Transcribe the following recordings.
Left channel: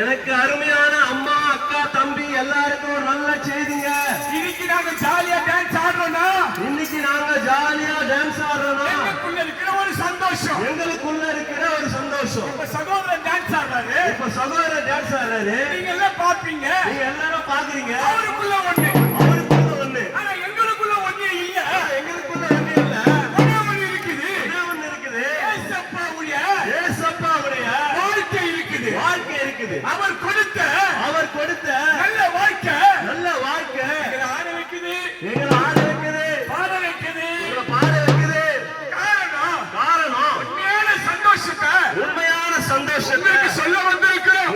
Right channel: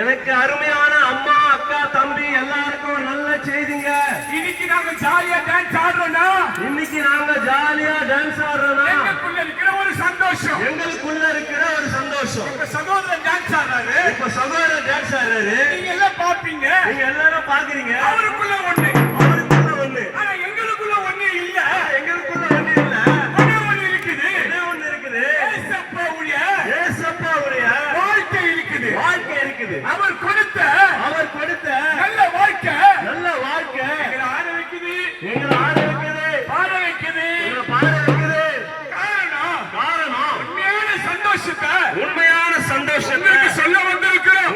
எனக்கு அருமையான அம்மா அக்கா தம்பி எல்லாருக்கும் ஒரு நல்ல செய்திங்க. இன்னைக்கு நாங்க ஜாலியா டான்ஸ் ஆடுறோம்னா, இன்னைக்கு நாங்க ஜாலியா டான்ஸ் ஆடுறோம்னா எங்களுக்குள்ள இருக்கிற ஒரு சந்தோஷம், எங்களுக்குள்ள இருக்கிற ஒரு சந்தோஷம். இப்ப சகோதரன் டான்ஸ் ஆடுறாரு, இப்ப சகோதரர் டான்ஸ் ஆடுறாரு, நீங்க எல்லாம் பாப்பீங்க, நீங்க எல்லாரும் பாக்குறீங்க. அவருக்குள்ள ஒண்ணு, அவருக்குள்ள ஒண்ணு, ஆனா எங்களுக்குள்ள ஒண்ணு இல்ல. எங்களுக்குள்ள ஒண்ணு இல்ல, ஒண்ணு இருக்குது. ஒண்ணு இருக்குது. ஏசப்பாவுடைய வாழ்க்கை இருக்குது, வாழ்க்கை இருக்குது. அவர் கொடுத்த நல்ல வாழ்க்கை எங்களை ஆட வைக்குது, எங்களை ஆட வைக்குது, பாட வைக்குது, பாட வைக்குது. காரணம் உண்மையான சந்தோஷத்தை உங்களுக்கு சொல்ல வந்திருக்கிறோம்.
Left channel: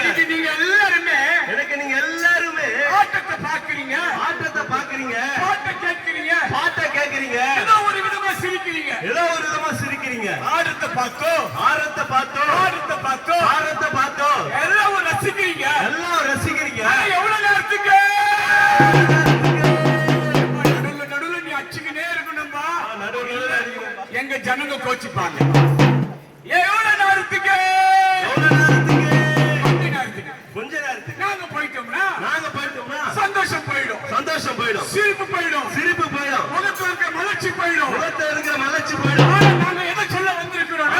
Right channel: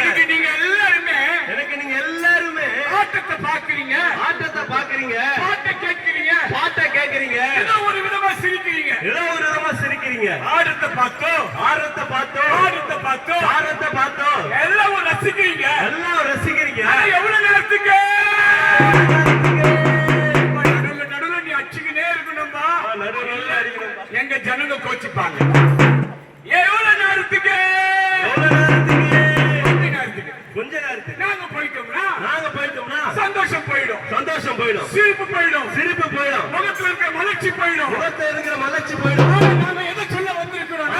இன்னைக்கு நீங்க எல்லாருமே ஆட்டத்தை பாக்குறீங்க, பாட்டை கேட்கிறீங்க, ஏதோ ஒரு விதமா சிரிக்கிறீங்க. ஆட்டத்தை பார்த்தோம், எல்லாம் ரசிக்கிறீங்க. எவ்வளவு நேரத்துக்கு நடுவுல நீ அச்சுக்கினே இருக்கணும்பா, எங்க ஜனங்க கோச்சிப்பாங்க. எவ்வளவு நேரத்துக்கு? கொஞ்ச நேரத்துக்கு நாங்க போயிட்டோம்னா சந்தோஷம் போயிடும், சிரிப்பு போயிடும், முகத்துல இருக்கிற மலர்ச்சி போயிடும். போயிடும். நாங்க எதை சொல்ல வந்திருக்கிறோம்?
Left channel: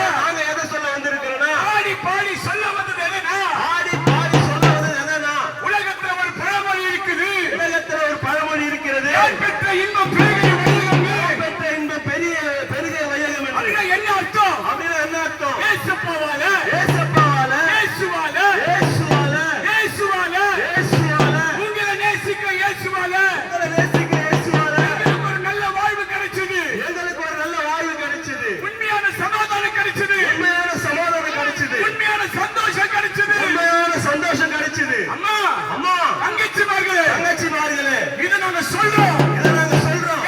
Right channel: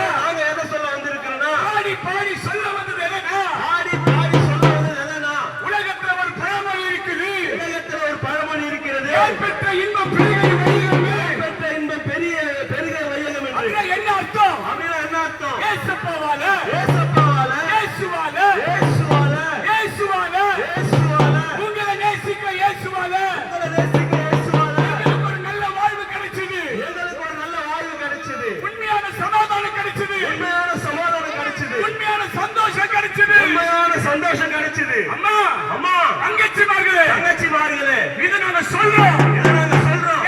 ஆடி பாடி சொல்ல வந்தது எதுனா, உலகத்துல ஒரு பழமொழி இருக்குது, பெற்ற இன்பம் பெருகை வையகம். அப்படின்னா என்ன அர்த்தம்? ஏசப்பாவால, உங்களை நேசிக்க இயேசுவால எங்களுக்கு ஒரு நல்ல வாழ்வு கிடைச்சது, உண்மையான சமாதானம் கிடைச்சது, உண்மையான சந்தோஷம் கிடைச்சது. அம்மா தங்கச்சிமார்களே, இதை நாங்க சொல்றோம்.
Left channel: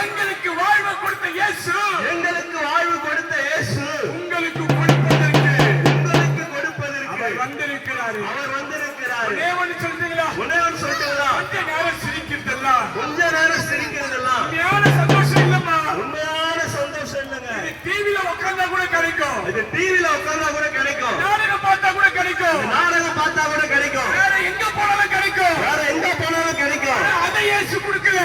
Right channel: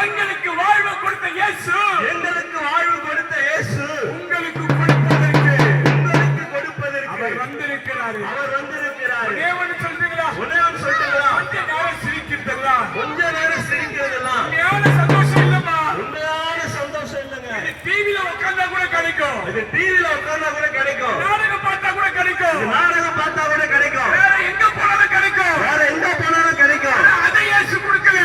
எங்களுக்கு வாழ்வு கொடுத்த இயேசு, உங்களுக்கு கொடுப்பதற்கு அவர் வந்திருக்கிறார். ஒரே ஒன்று சொல்றீங்களா? கொஞ்ச நேரம் சிரிக்கிறதெல்லாம் உண்மையான சந்தோஷம் இல்லம்மா. இது டிவில உட்கார்ந்தா கூட கிடைக்கும், நாடகம் பார்த்தா கூட கிடைக்கும், வேற எங்க போனாலும் கிடைக்கும். அதை இயேசு கொடுக்கல.